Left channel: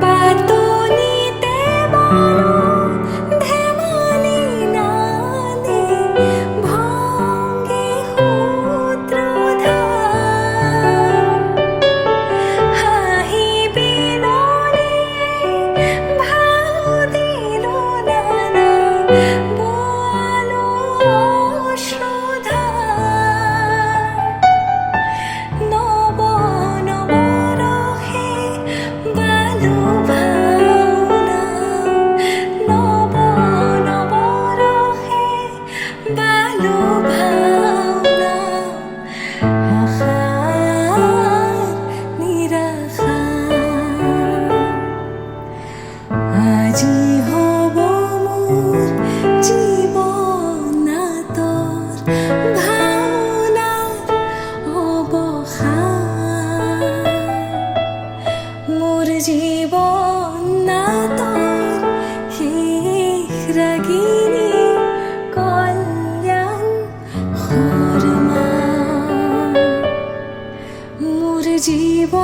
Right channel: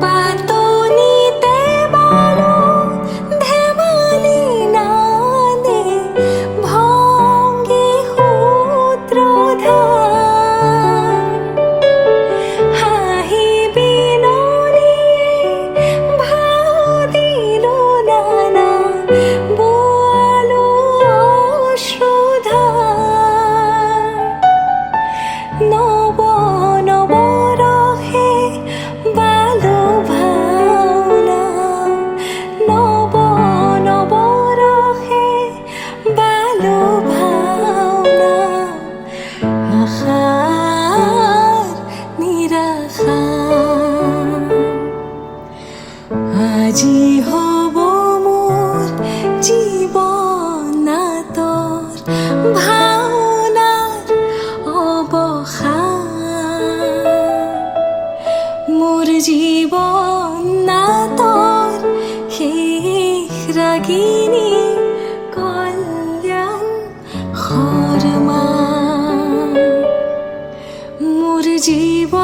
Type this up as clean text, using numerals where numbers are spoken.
পাতনিতে বলো ধেমালি নাদে ভঙ্গে সূত্রধার হাঁহি বিননিয়ে ভাও দিলো নানা বোয়ালো অশ্রুধার নব নব রহে বালো ভাওনা নব নব রহে বালো ভাওনা আশার নিরাশার আজি হব মোর জীৱনাতৰ ভাওনাৰ অৱসান মোৰ জীৱনাতৰ শেষ ৰাগিনী কল্যাণ শৰ্মা মোৰ জীৱ